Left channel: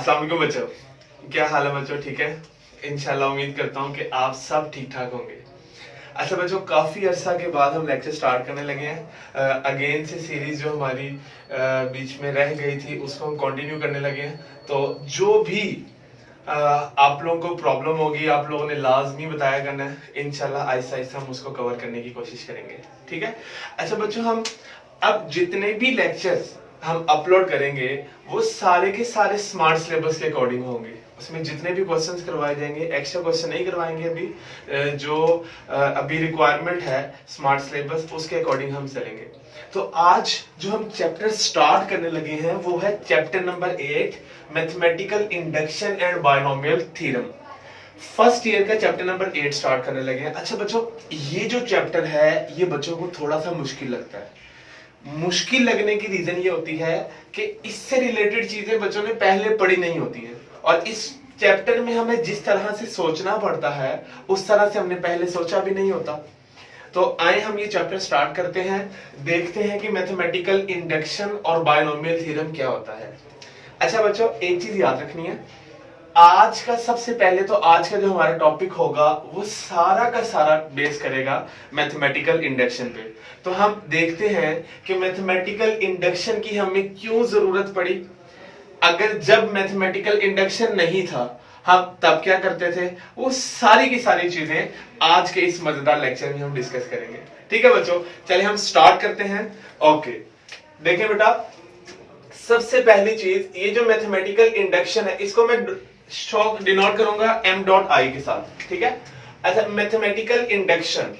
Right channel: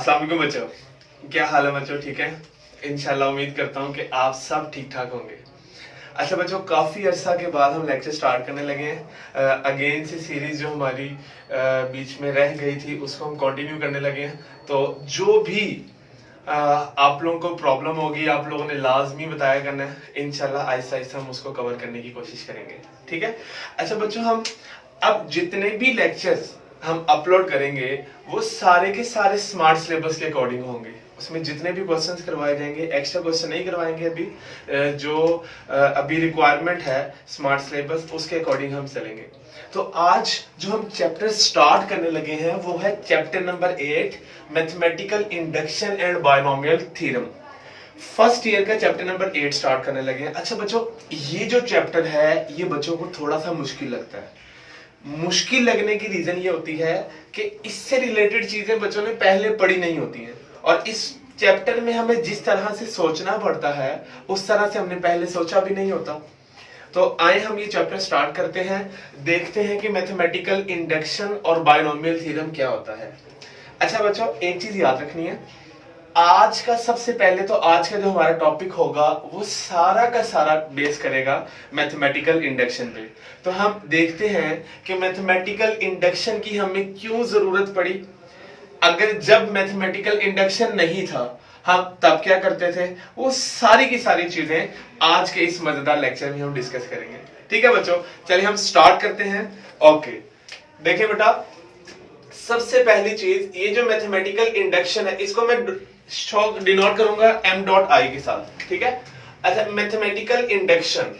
अस्सलाम वालेकुम बच्चों, क्या हाल है बच्चों? ठीक है, इंशाल्लाह उम्मीद करता हूँ कि आप सब ठीक ठाक होंगे। अच्छा बच्चों, काफ़ी अरसा के बाद हम लेक्चर स्टार्ट करने लगे हैं। अगेन से सीरीज जो हमारी बीच में रह गई थी उसको हम कंटिन्यू करने लगे हैं। तो जो भी आप लोगों को प्रॉब्लम होगी, आप लोगों ने लाजमी बताया करना है। इंशाल्लाह आहिस्ता आहिस्ता हम उसको कवर करने की कोशिश करेंगे, ठीक है। अच्छा बच्चों, हम अब जितने भी लेक्चर्स हम अपलोड करेंगे वो सारे के सारे स्मार्ट सिलेबस के अकॉर्डिंग होंगे। उसमें जितने भी क्वेश्चंस करवाए जाएंगे, एक्स्ट्रा क्वेश्चन नहीं करवाएंगे। अभी जो अभी रिक्वायरमेंट है स्मार्ट सिलेबस, उसके अकॉर्डिंग हम चलेंगे। तो आज जो हम चैप्टर स्टार्ट करने लगे हैं वो है chapter number 8, mathematical induction and binomial theorem. First year का चैप्टर नंबर 8 स्टार्ट करने लगे हैं। अच्छा बच्चों, ये जो चैप्टर है ये बच्चों को थोड़ा सा मुश्किल लगता है। मुश्किल लगने की रीजन ये होती है कि इससे रिलेटेड चीजें बच्चों ने पहले पढ़ी नहीं होती हैं, और इस चैप्टर में हमें जिस तरह से सोचना पड़ता है उस तरह से हमने पहले सोचा भी नहीं होता। तो आए हम ये चैप्टर स्टार्ट करते हैं, देखते हैं कि मैथमेटिकल इंडक्शन और बायनोमियल थ्योरम क्या होता है। अच्छा बच्चों, एक चीज याद रखनी है, आज का सबसे पहले तो आज का जो हमारा टॉपिक होगा वो सारा का सारा बेस करेगा मैथमेटिकल इंडक्शन पे। तो हम देखते हैं कि मैथमेटिकल इंडक्शन की हमें क्यों जरूरत पड़ी। अगर जब मैथमेटिकल इंडक्शन नहीं था हम तब क्या करते थे, वो सारी की सारी चीजें आज के इस मजेदार लेक्चर में हम डिस्कस करेंगे। ठीक है बच्चों, चलिए हम स्टार्ट करते हैं। ओके, देखें बेटा, सबसे पहली चीज, ये जो मैथमेटिकल इंडक्शन है इसको मैं डिनोट करूंगा m डॉट आई के साथ, ठीक है। अच्छा, मैथमेटिकल इंडक्शन,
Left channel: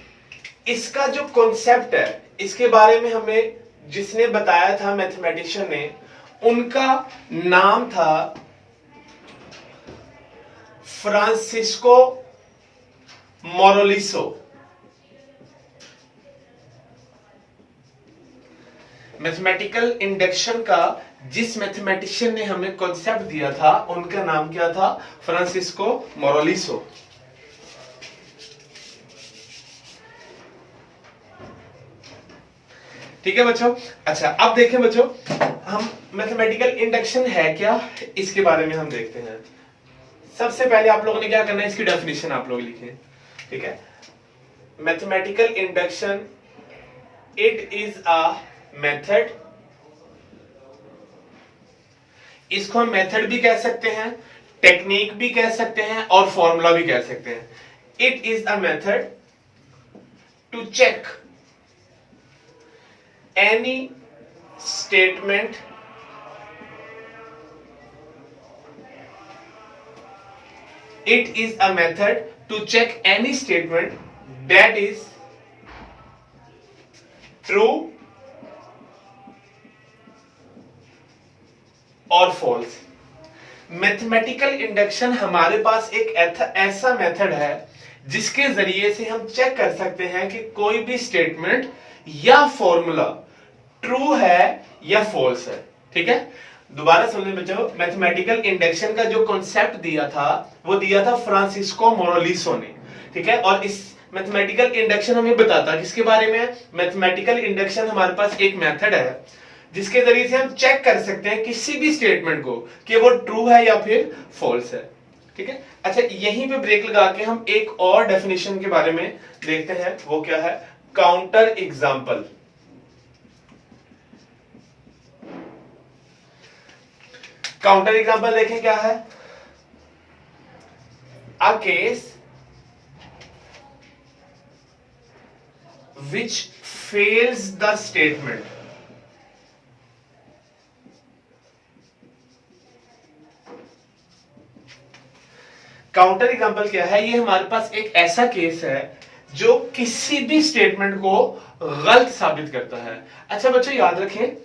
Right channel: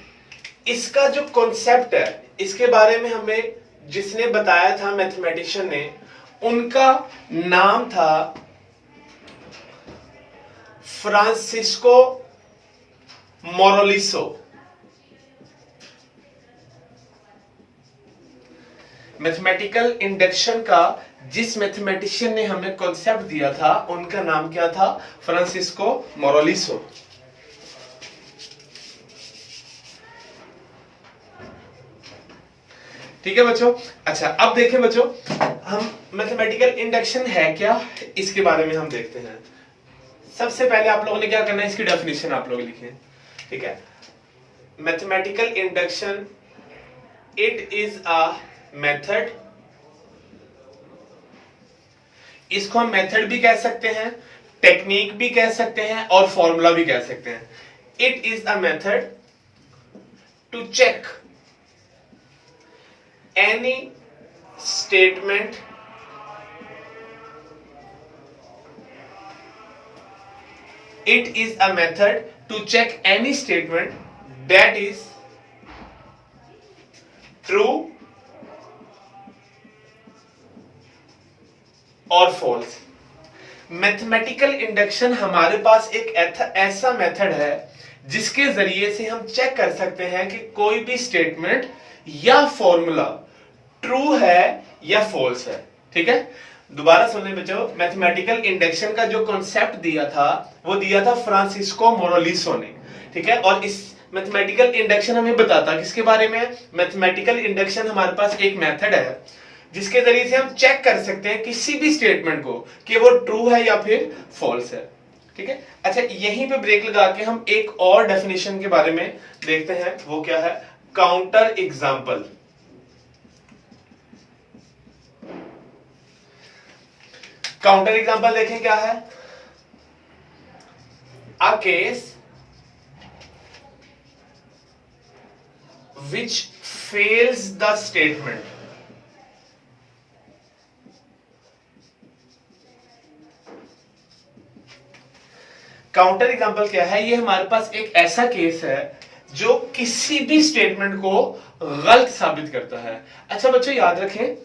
इसका जो कॉन्सेप्ट है इसके बारे में हमें जिसने बताया था मैथमेटिशियन ने, उनका नाम था फ्रांसिस्को मोरोलिसो। मैथमेटिकल इंडक्शन का जिस मैथमेटिशियन ने हमें कॉन्सेप्ट दिया था उनका नाम क्या था? फ्रांसिस्को मोरोलिसो। ठीक है बच्चों। अच्छा, अब देखें बच्चों, हम मैथमेटिकल इंडक्शन है क्या इसके बारे में हम देखते हैं। सबसे पहले आप लोगों ने क्या करना है, इसकी डेफिनेशन आप लोग लिखें, ठीक है। Mathematical induction, it is a method, इसको हम मेथड भी कह सकते हैं, टेक्निक भी कह सकते हैं और फॉर्मूला भी कह सकते हैं। It is a method to check any statement it is a method to check any statement that is true और false। मैथमेटिकल इंडक्शन हमारे पास एक ऐसा मेथड है जिसके जरिए से हम चेक कर सकते हैं कि कोई भी स्टेटमेंट या फॉर्मूला ट्रू है या फॉल्स है। ठीक है, दोबारा सुनने बच्चों, मैथमेटिकल इंडक्शन का जो कॉन्सेप्ट दिया था वो दिया था फ्रांसिस्को मोरोलिसो ने, ठीक है। और इस मैथमेटिकल इंडक्शन हमें बताता किसके बारे में है? मैथमेटिकल इंडक्शन हमारे पास एक मेथड है जिसके जरिए से हम चेक कर सकते हैं किसी भी स्टेटमेंट को कि वो ट्रू है या फिर फॉल्स है, ठीक है। अच्छा, यहीं पे ब्रेक लगा के हम एक और डेफिनेशन के बारे में देखते हैं, वो क्या है? Counter example. काउंटर एग्जाम्पल देखें क्या है? A case which fails the statement। Counter example क्या है? ये हमारे पास एक ऐसा केस है जो किसी भी स्टेटमेंट को गलत साबित करता है। अच्छा बच्चों, याद रखें,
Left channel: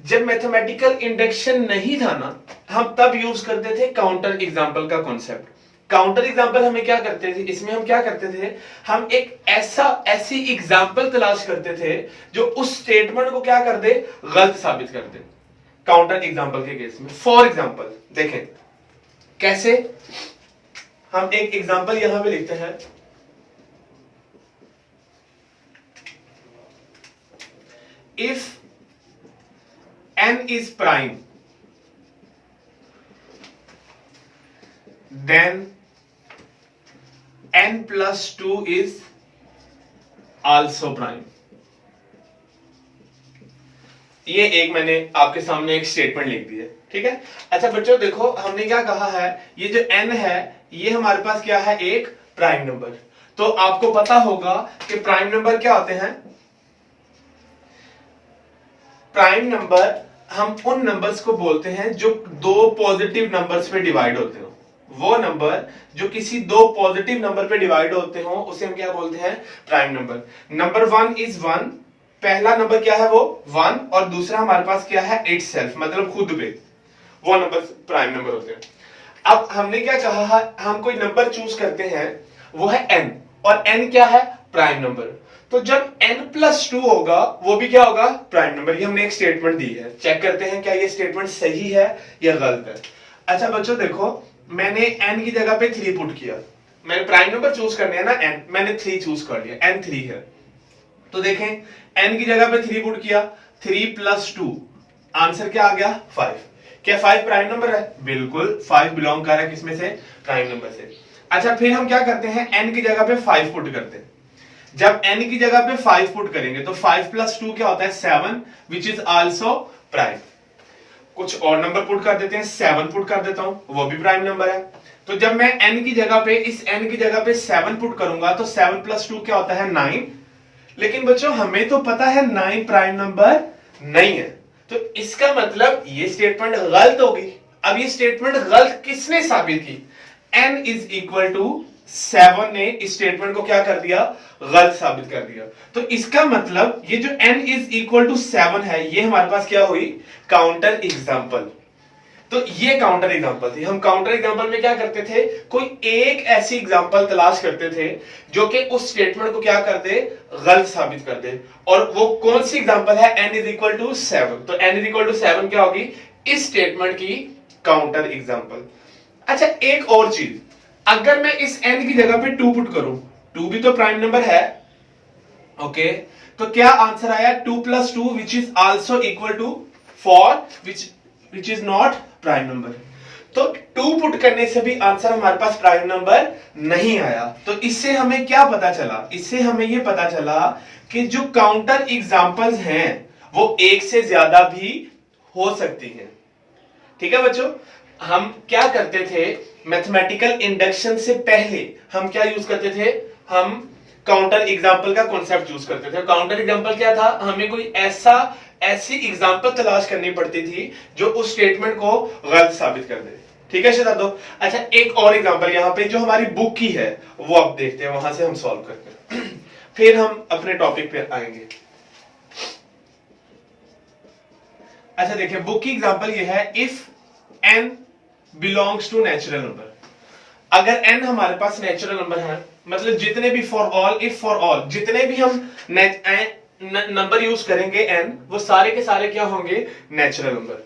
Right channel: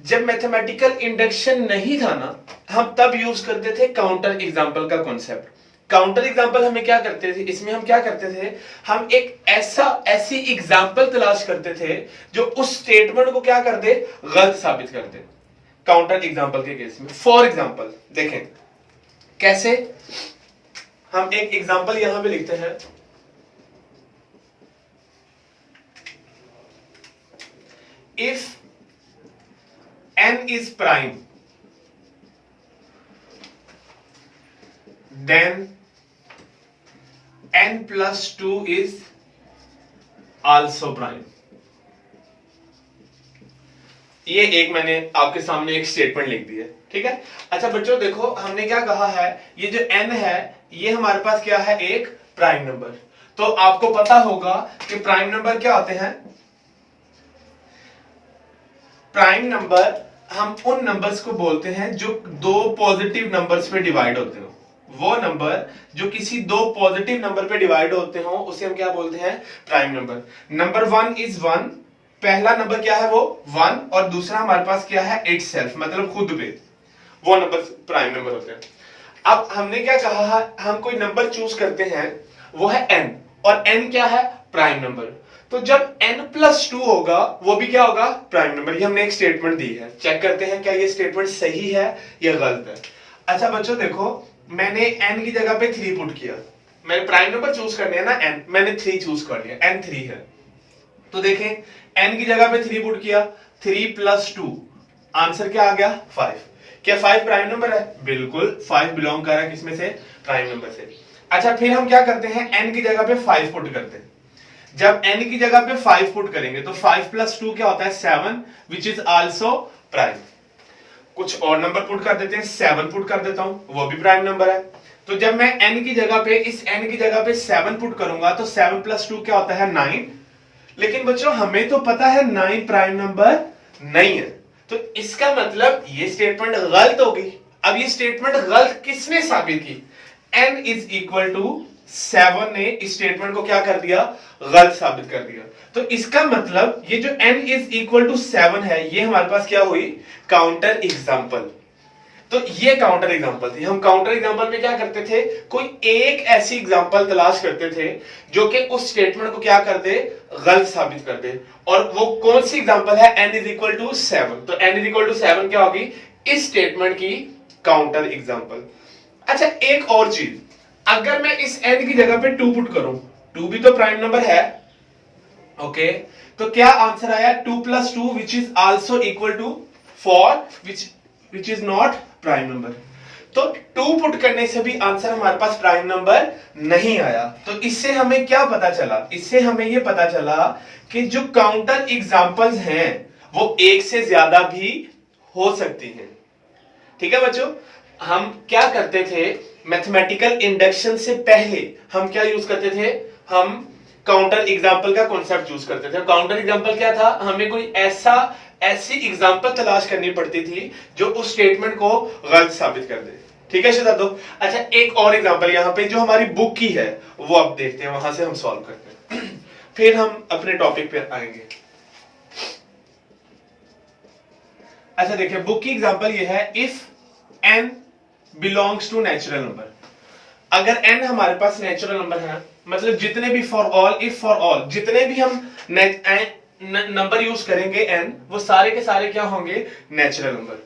जब मैथमेटिकल इंडक्शन नहीं था ना, हम तब यूज करते थे काउंटर एग्जांपल का कॉन्सेप्ट। काउंटर एग्जाम्पल हमें क्या करते थे, इसमें हम क्या करते थे, हम एक ऐसी एग्जाम्पल तलाश करते थे जो उस स्टेटमेंट को क्या कर दे, गलत साबित कर दे। काउंटर एग्जाम्पल के केस में फॉर एग्जाम्पल देखें कैसे। हम एक एग्जाम्पल यहां पे लिखते हैं, if n is prime then n plus 2 is also prime। ये एक मैंने आपके सामने एक स्टेटमेंट लिख दी है, ठीक है। अच्छा बच्चों देखो हमने क्या कहा है, ये जो n है ये हमारे पास क्या है, एक प्राइम नंबर। तो आपको पता होगा कि प्राइम नंबर क्या होते हैं। प्राइम नंबर हम उन नंबर्स को बोलते हैं जो दो पॉजिटिव नंबर्स पे डिवाइड होते हो। वो नंबर जो किसी दो पॉजिटिव नंबर पे डिवाइड होते हो उसे हम क्या बोलते हैं, प्राइम नंबर। नंबर 1 इज 1, पहला नंबर क्या है वो 1, और दूसरा हमारे पास क्या है इटसेल्फ, मतलब खुद पे, वो नंबर प्राइम नंबर होते हैं। अब हमने क्या कहा है, हम कोई नंबर चूज करते हैं वो है n, और n क्या है, प्राइम नंबर। तो जब n+2 होगा वो भी क्या होगा, प्राइम नंबर। ये हमने एक स्टेटमेंट दी है, चेक करते हैं क्या ये स्टेटमेंट सही है या गलत है। अच्छा बच्चों देखो मैंने n की जगह पे 3 पुट किया, मैंने प्राइम नंबर चूज करने है ना n, मैंने 3 चूज कर लिया, n 3 है। तो देखें n की जगह पे 3 पुट किया, 3 + 2 आंसर क्या आ गया, 5। क्या 5 प्राइम नंबर है, बिल्कुल 5 बिलोंग कर रहा है किसमें से, प्राइम नंबर से। अच्छा फिर हम क्या करते हैं, n की जगह पे 5 पुट करते हैं। जब n की जगह पे 5 पुट करेंगे तो 5 + 2 क्या होता है, 7, विच इज आल्सो प्राइम। कुछ और नंबर पुट कर देते हैं, 7 पुट कर देता हूं, वो भी प्राइम नंबर है। तो जब मैं n की जगह पे, इस n की जगह पे 7 पुट करूंगा तो 7 + 2 क्या होता है, 9। लेकिन बच्चों हमें तो पता है 9 प्राइम नंबर नहीं है, तो इसका मतलब ये स्टेटमेंट गलत होगी। अब ये स्टेटमेंट गलत किसने साबित की, n = 7 ने इस स्टेटमेंट को क्या कर दिया, गलत साबित कर दिया। तो इसका मतलब ये जो n = 7 है ये हमारे पास क्या हुई, काउंटर एग्जांपल। तो ये काउंटर एग्जांपल थी। हम काउंटर एग्जांपल में क्या करते थे, कोई एक ऐसी एग्जांपल तलाश करते थे जो कि उस स्टेटमेंट को क्या कर दे, गलत साबित कर दे। और वो कौन सी एग्जांपल है, n = 7। तो n = 7 क्या होगी, इस स्टेटमेंट की काउंटर एग्जांपल। अच्छा एक और चीज, अगर मैं इस n की जगह पे 2 पुट करूं, 2 भी तो प्राइम नंबर है, ओके। तो क्या आंसर आया, 2 + 2 which is also equal to 4, which is not prime number. तो 2 पुट करने से भी आंसर हमारे पास प्राइम नंबर नहीं आया। तो इससे हमें क्या पता चला, इससे हमें यह पता चला कि जो काउंटर एग्जांपल्स हैं वो एक से ज्यादा भी हो सकती हैं। ठीक है बच्चों, हम क्या करते थे, मैथमेटिकल इंडक्शन से पहले हम क्या यूज करते थे, हम काउंटर एग्जांपल का कॉन्सेप्ट यूज करते थे। काउंटर एग्जांपल क्या था, हमें कोई ऐसी एग्जांपल तलाश करनी पड़ती थी जो उस स्टेटमेंट को गलत साबित कर दे। ठीक है शहजादों। अच्छा एक और एग्जांपल यहां पे जो हमारी बुक की है वो आप देखते हैं, वहां से हम सॉल्व करते हैं फिर हम अपने टॉपिक पे आएंगे। अच्छा देखिए बुक की एग्जांपल ये है, if n belongs to natural number. अगर n हमारे पास नेचुरल नंबर है, मतलब जितने भी for all, if for all, जितने भी हम नंबर यूज करेंगे n, वो सारे के सारे क्या होंगे, natural number.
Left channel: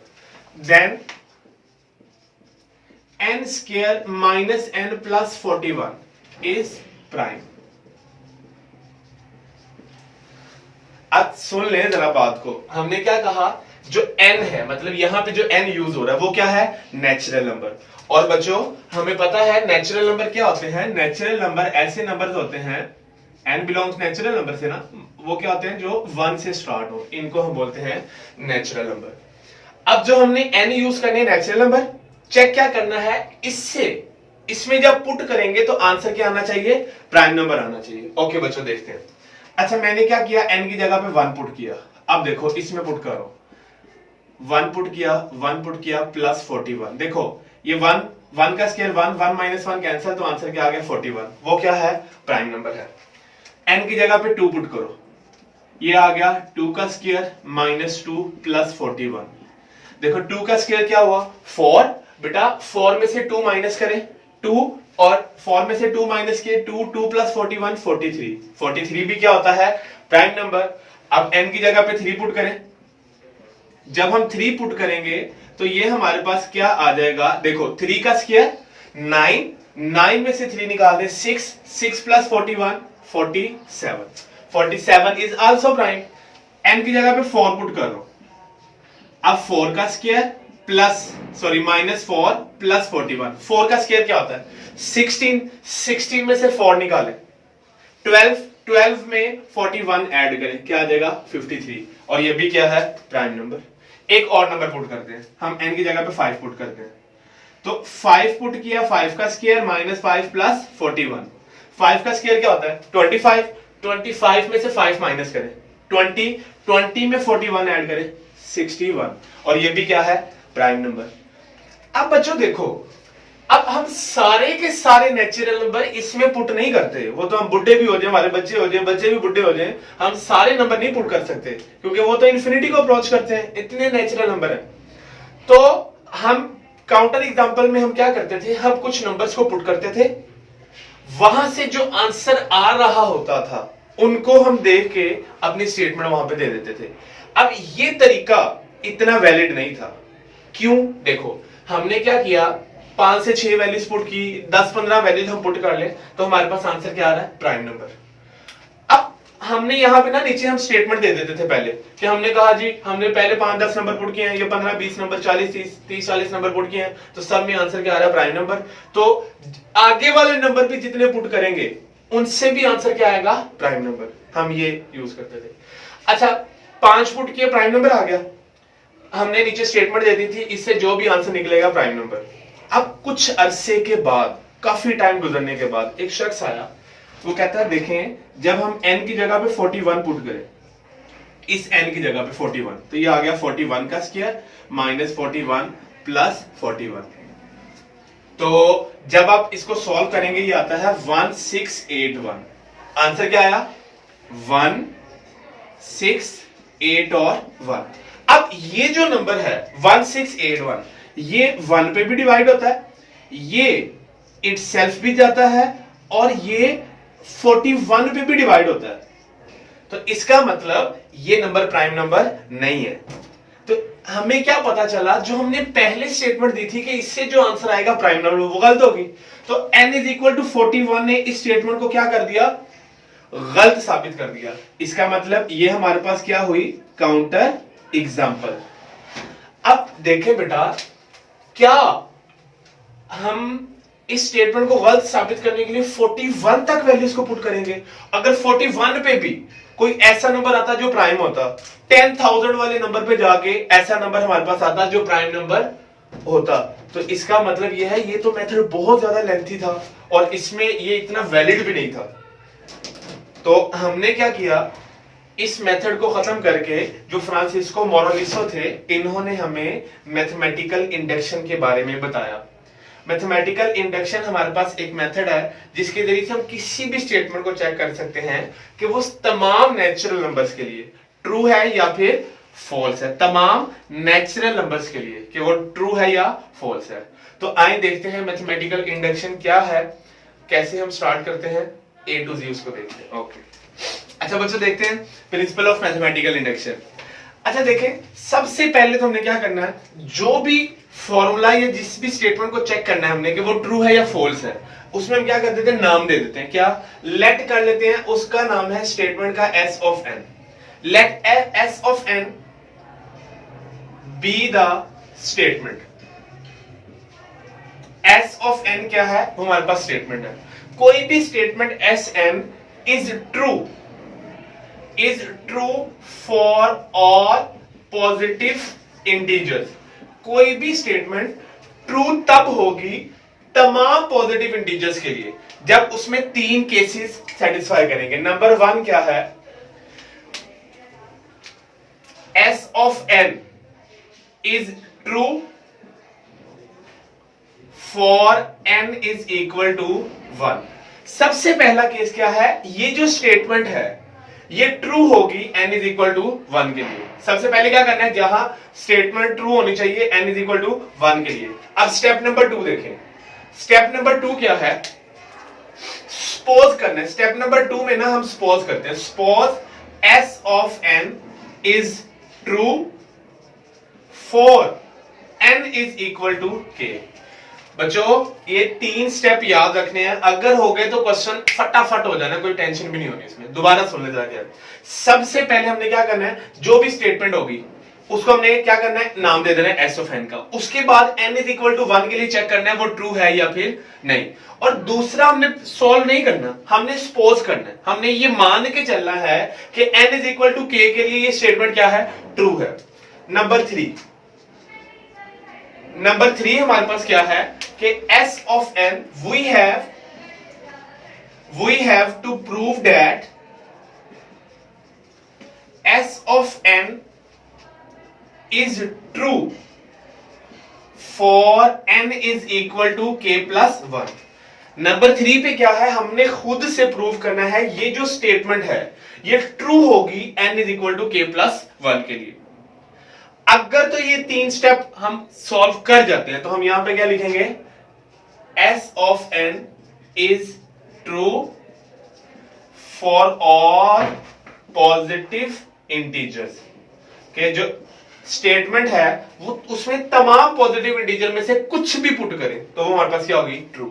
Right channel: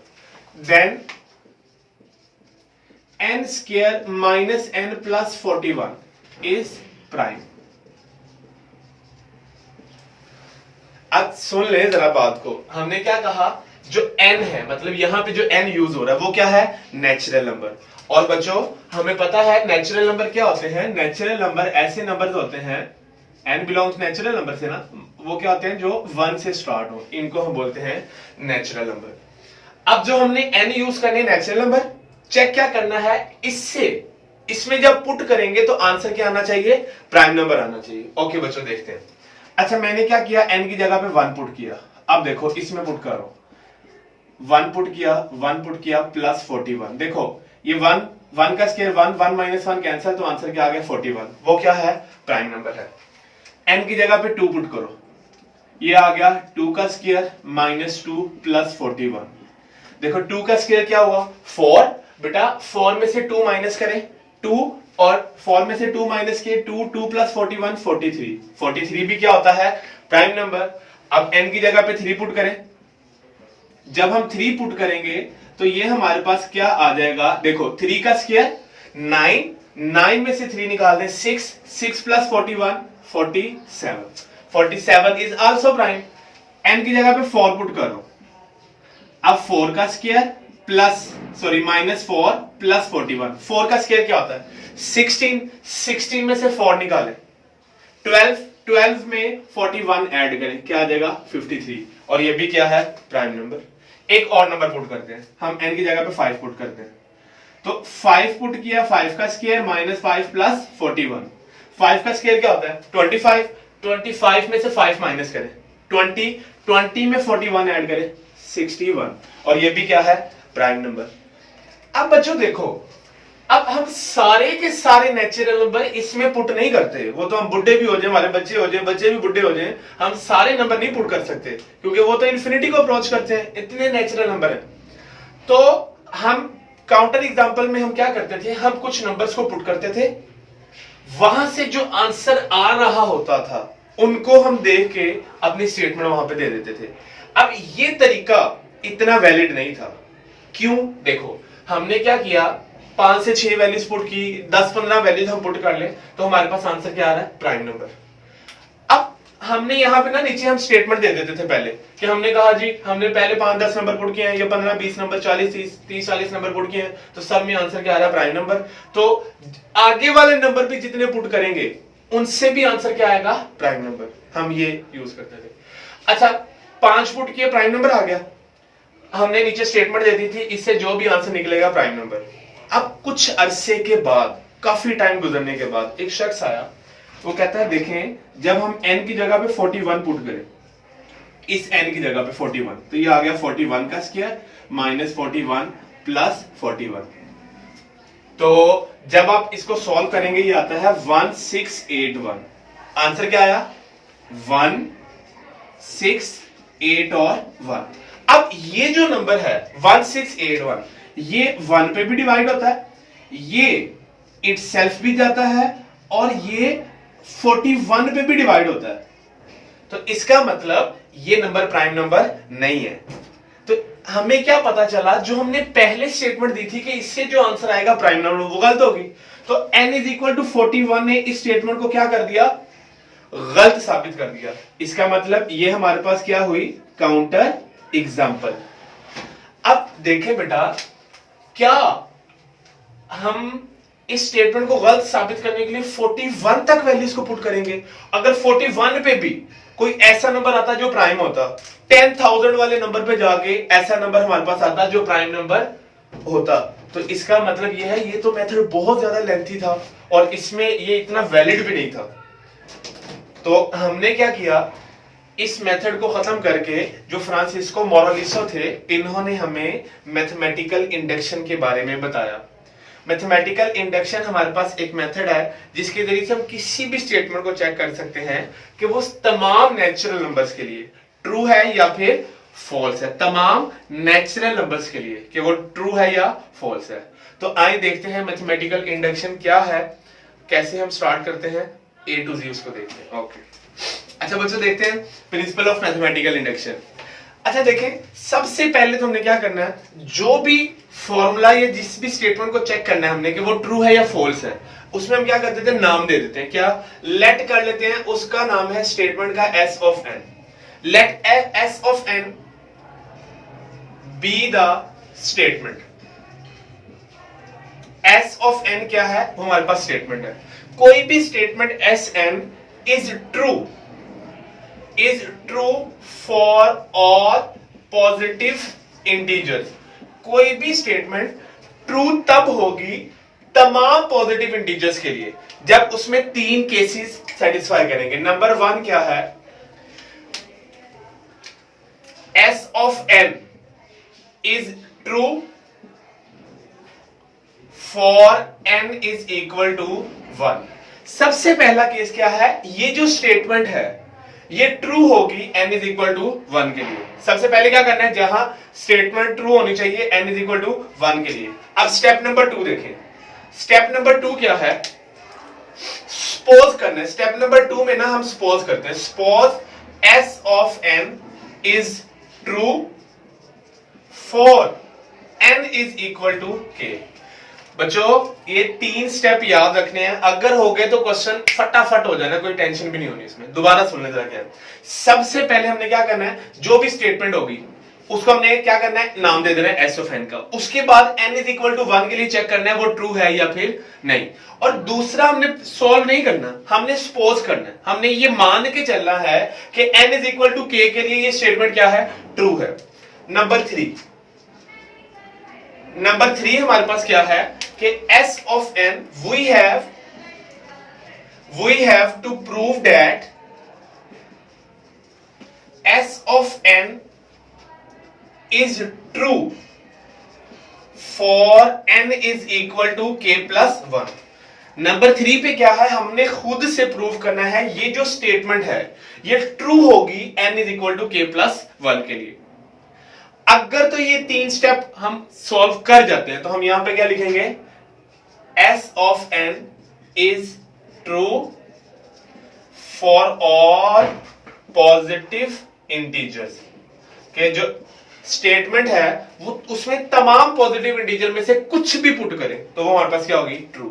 Then n² - n + 41 is prime. अब सुन ले जरा बात को, हमने क्या कहा, जो n है, मतलब यहां पे जो n यूज हो रहा है वो क्या है, नेचुरल नंबर। और बच्चों हमें पता है नेचुरल नंबर क्या होते हैं, नेचुरल नंबर ऐसे नंबर्स होते हैं, n बिलोंग्स नेचुरल नंबर से ना, वो क्या होते हैं जो 1 से स्टार्ट हो, इनको हम बोलते हैं नेचुरल नंबर। अब जो हमने n यूज करने नेचुरल नंबर, चेक क्या करना है, इसमें जब पुट करेंगे तो आंसर क्या आना चाहिए, प्राइम नंबर आना चाहिए। ओके बच्चों देखते हैं। अच्छा मैंने क्या किया, n की जगह पे 1 पुट किया। अब देखो इसमें पुट करो, 1 पुट किया, 1 पुट किया + 41। देखो ये 1 का स्क्वायर 1 - 1 कैंसिल, तो आंसर क्या आ गया, 41। वो क्या है, प्राइम नंबर है। n की जगह पे 2 पुट करो, ये आ गया 2 का स्क्वायर -2 + 41। देखो 2 का स्क्वायर क्या हुआ, 4। बेटा 4 में से 2 माइनस करें, 2, और 4 में से 2 माइनस किए 2 + 41 43। 43 भी क्या होता है, प्राइम नंबर। अब n की जगह पे 3 पुट करें, जब हम 3 पुट करेंगे तो ये हमारे पास क्या आ जाएगा, देखो 3 का स्क्वायर 9, 9 में से 3 निकाल दें 6, 6 + 41 47। 47 इज आल्सो प्राइम। n की जगह पे 4 पुट कर लो, अब 4 का स्क्वायर -4 प्लस 41। 4 का स्क्वायर क्या होता है? 16। 16 में से 4 निकालें। 12 में 41 ऐड करें, क्या आ जाएगा? 53। और ये भी क्या है? Prime number. एक और नंबर पुट करते हैं हम, n की जगह पे 5 पुट करते हैं। तो 5 पुट किया, 5 का स्क्वायर -5 प्लस 41। 5 का स्क्वायर क्या होता है? 25। 25 में से 5 माइनस करें, 20 में 41 ऐड करें, 61। और ये भी क्या है? Prime number. अब बच्चों देखो, अब हम सारे के सारे नेचुरल नंबर इसमें पुट नहीं करते। वो तो हम बुढ़े भी हो जाए, हमारे बच्चे हो जाए, बच्चे भी बुढ़े हो जाए, हम सारे नंबर नहीं पुट कर सकते, क्योंकि वो तो इन्फिनिटी को अप्रोच करते हैं, इतने नेचुरल नंबर हैं। तो हम काउंटर एग्जांपल में हम क्या करते थे? हम कुछ नंबर्स को पुट करते थे, वहां से जो आंसर आ रहा होता था उनको हम देख के अपनी स्टेटमेंट वहां पे दे देते थे। अब ये तरीका इतना वैलिड नहीं था। क्यों? देखो, हमने क्या किया, 5 से 6 वैल्यूज पुट की, 10-15 वैल्यूज हम पुट कर ले तो हमारे पास आंसर क्या आ रहा है? Prime number. अब हमने यहां पे ना नीचे हम स्टेटमेंट दे देते थे पहले, कि हमने कहा जी हमने पहले 5-10 नंबर पुट किए हैं, ये 15-20 नंबर, 40-30-40 नंबर पुट किए हैं, तो सब में आंसर क्या आ रहा है? Prime number. तो आगे वाले नंबर भी जितने पुट करेंगे उनसे भी आंसर क्या आएगा? Prime number. हम ये यूज करते थे। अच्छा, 5 पुट किए, प्राइम नंबर आ गया, हमने नीचे स्टेटमेंट दे दी थी, इससे जो भी आंसर निकलेगा प्राइम नंबर। अब कुछ अरसे के बाद, काफी टाइम गुजरने के बाद एक शख्स आया, वो कहता है देखें, जब हम n की जगह पे 41 पुट करें, इस n की जगह पे 41, तो ये आ गया 41 का स्क्वायर -41 प्लस 41। तो जब आप इसको सॉल्व करेंगे ये आता है 1681। आंसर क्या आया? 1 6 8 और 1। अब ये जो नंबर है 1681, ये 1 पे भी डिवाइड होता है, ये इटसेल्फ भी जाता है, और ये 41 पे भी डिवाइड होता है। तो इसका मतलब ये नंबर प्राइम नंबर नहीं है। तो हमें क्या पता चला, जो हमने पहले स्टेटमेंट दी थी कि इससे जो आंसर आएगा प्राइम नंबर, वो गलत होगी। तो n = 41 ने इस स्टेटमेंट को क्या कर दिया? गलत साबित कर दिया। इसका मतलब ये हमारे पास क्या हुई? Counter example. अब देखें बेटा, क्या हम इस स्टेटमेंट को गलत साबित करने के लिए 41 तक वैल्यूज को पुट करेंगे? अगर 41 पे भी कोई ऐसा नंबर आता जो प्राइम होता, 10,000 वाले नंबर पे जाके ऐसा नंबर हमारे पास आता जो प्राइम नंबर होता, तो इसका मतलब ये है, ये तो मेथड बहुत ज्यादा लेंथी था और इसमें ये इतना वैलिड भी नहीं था। तो हमने क्या किया, इस मेथड को खत्म करके जो फ्रांसिस्को मोरालिसो थे, इन्होंने हमें मैथमेटिकल इंडक्शन के बारे में बताया। मैथमेटिकल इंडक्शन हमारे पास एक मेथड है जिसके जरिए से हम किसी भी स्टेटमेंट को चेक कर सकते हैं कि वो तमाम नेचुरल नंबर्स के लिए ट्रू है या फिर फॉल्स है। तमाम नेचुरल नंबर्स के लिए कि वो ट्रू है या फॉल्स है। तो आइए देखते हैं मैथमेटिकल इंडक्शन क्या है, कैसे हम स्टार्ट करते हैं, A to Z उसको देखते हैं। ओके, अच्छा बच्चों, देखते हैं प्रिंसिपल ऑफ मैथमेटिकल इंडक्शन। अच्छा देखें, सबसे पहले तो हमने क्या करना है, जो भी फॉर्मूला या जिस भी स्टेटमेंट को चेक करना है हमने कि वो ट्रू है या फॉल्स है, उसमें हम क्या कर देते हैं, नाम दे देते हैं। क्या लेट कर लेते हैं, उसका नाम है स्टेटमेंट का S of n। Let S of n be the statement. S of n क्या है, वो हमारे पास स्टेटमेंट है। कोई भी statement Sn is true for all positive integers. कोई भी स्टेटमेंट ट्रू तब होगी तमाम पॉजिटिव इंटीजर्स के लिए जब उसमें 3 केसेस सेटिस्फाई करेंगे। नंबर 1 क्या है, S of n is true for n is equal to 1। सबसे पहला केस क्या है, ये जो स्टेटमेंट है ये ट्रू होगी n इज इक्वल टू 1 के लिए। सबसे पहले क्या करना है, जहां स्टेटमेंट ट्रू होनी चाहिए n इज इक्वल टू 1 के लिए। अब स्टेप नंबर 2 देखें। स्टेप नंबर 2 क्या है, सपोज करना है। स्टेप नंबर 2 में ना हम सपोज करते हैं, suppose S of n is true for n is equal to k। बच्चों, ये 3 स्टेप याद रखने हैं, अगर हो गए तो क्वेश्चन फटाफट हो जाना, कोई टेंशन भी नहीं होनी इसमें। दोबारा सुन ले जरा। क्या सबसे पहले हमने क्या करना है, जो भी स्टेटमेंट होगी उसको हमने क्या करना है, नाम दे देना है एस ऑफ एन का। उसके बाद n इज इक्वल टू 1 के लिए चेक करना है वो ट्रू है या फिर नहीं। और दूसरा हमने सॉल्व नहीं करना, हमने सपोज करना है, हमने ये मान के चलना है कि n is equal to k के लिए ये स्टेटमेंट क्या है, ट्रू है। नंबर थ्री हमारे पास क्या है कि s of n we have to prove that s of n is true for n is equal to k plus 1। Number 3 पे क्या है, हमने खुद से प्रूव करना है ये जो स्टेटमेंट है ये ट्रू होगी n is equal to k plus 1 के लिए। अगर तो ये 3 स्टेप हम सॉल्व कर जाते हैं तो हम यहां पे क्या लिखेंगे, s of n is true for all positive integers के जो स्टेटमेंट है वो उसमें तमाम पॉजिटिव इंटीजर में से कुछ भी पुट करें तो वो हमारे पास क्या होगी, ट्रू।